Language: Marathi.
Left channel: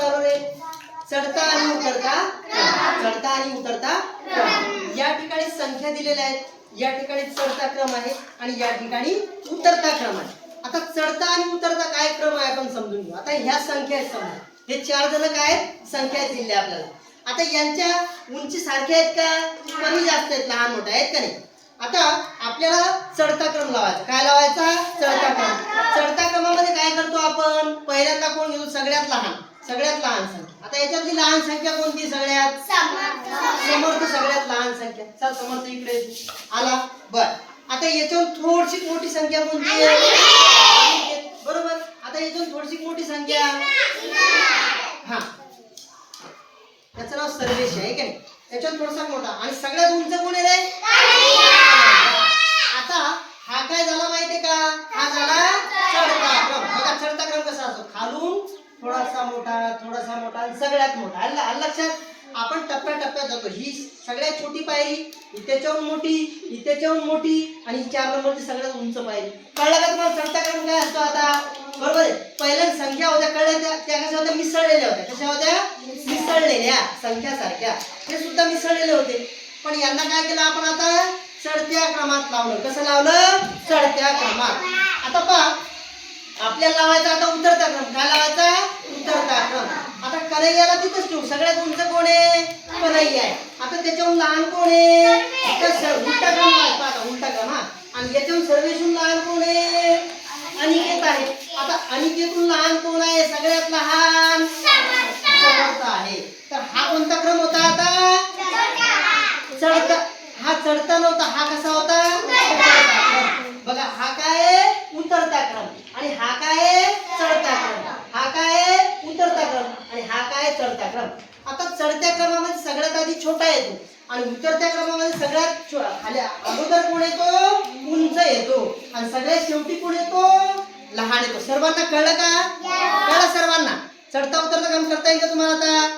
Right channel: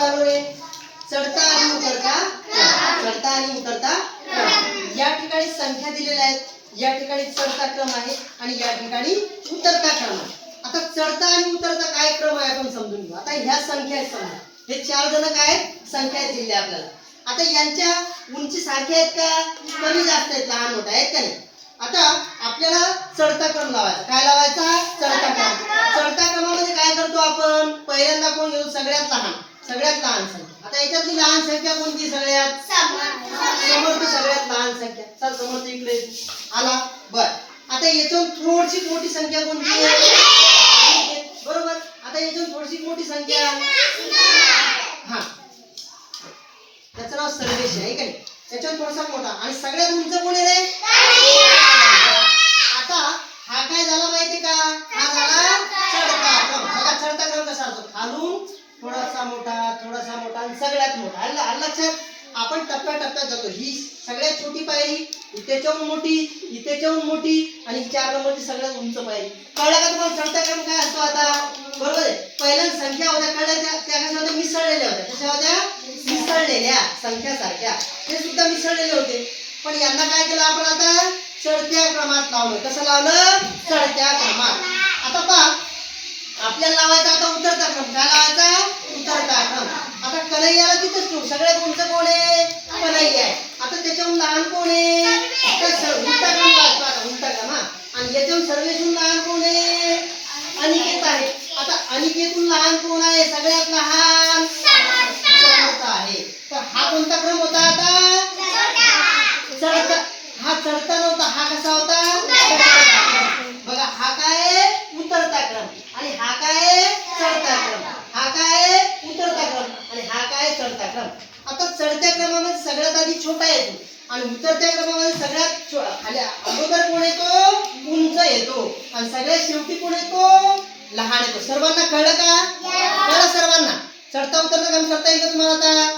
चालू आहे चढता आणि उतरता. चढता आणि उतरता. या ठिकाणी संख्या दिलेल्या आहेत. या ठिकाणी चढता क्रम आहे आणि या ठिकाणी उतरता क्रम आहे. आता चढता आणि उतरता काय क्रम आहे आपण समजून घेऊ. आता ह्या संख्या आहेत समजा. हे चार जण काय आहेत? संख्या दिलेली आपल्याला. आता यांच्या उंची सारख्या आहेत का? कमी जास्त आहेत. लहान मोठा आहेत का नाही? आता आपल्याला चढता क्रम लावायचा. काय लावायचा? चढता क्रम. चढता क्रमामध्ये काय करतो आपण? पहिल्यांदा कोण घेऊ सगळ्यात लहान. सगळ्यात लहान संख्या. आता याच्यातली लहान संख्या कोणती सगळ्यात? समर्थ सगळ्यात लहान संख्या. चल समर्थ इकडे आला. बर. आता याच्यावर थोडीशी मोठी संख्या कोणती आहे? बरोबर. आता याच्यावर थोडीशी मोठी संख्या. हा. त्याचं नाव सर्वेश आहे का नाही? त्याच्यावर थोडासा मोठा. आणि सगळ्यात उंच कोण आहे रे आता हा काय झाला माहितीये का हा झाला चढता क्रम बघा चढता क्रम कसा असतो खालून थोडासा मोठा थोडासा मोठा आणि सगळ्यात मोठा. आलं लक्षात? आपण टप्प्या टप्प्यात जातो. ही सगळ्यात छोटी पायरी इथेच्याहून मोठी इथेच्याहून मोठी आणि चार नंबरची सगळ्यात उंच पायरी. कळलं का तुम्हाला? चढता क्रम काय असतो आता? बरोबर आहे? पहिल्या संख्या होत्या. कळल्या त्या त्या कशा होत्या? मिसळलेल्या होत्या. कशा होत्या? मिसळलेल्या. संख्या सारख्या ते सुद्धा मिसळलेले होते. पण यांना काय केलं आपण आता? चढत्या क्रमात लावलं. कसं लावलं? चढत्या क्रमात. आता पहा. आपल्याला लावायचा आता उतरता क्रम काय लावायचा उतरता क्रम आता कन्हैयाला तिथंच ठेवू. सगळ्यात उंच कोण आहे? कन्हैया आहे. आता त्याच्याहून लहान कोण आहे? तर उलटा क्रम लावायचा आता उलटा क्रम हा. आणि याच्याहून सर्वेशून लहान कोण आहे? अनिकेत आहे. आता अनिकेतून लहान कोण आहे? सगळ्यात लहान समर्थ आहे. तर हा कोणता क्रम होता आता? चढता. हा चढता नव्हता. हा कसा होता? बघा हा काय आहे? उतरता क्रम आणि हा काय आहे? चढता क्रम हा काय आहे? उतरता क्रम आणि हा काय आहे? चढता क्रम. आता चढत्या क्रमामध्ये सगळ्यात आधी छोटा येतो आणि उतरत्या क्रमामध्ये सगळ्यात खाली अगोदर कोण येतो? उंच येतो. आणि सगळ्यात शेवटी कोण येतो? लहान येतो. सर्वांना कळलं का? कळलं सर्वांना? चढता उतरता काम करता येईल का तुम्हाला आता?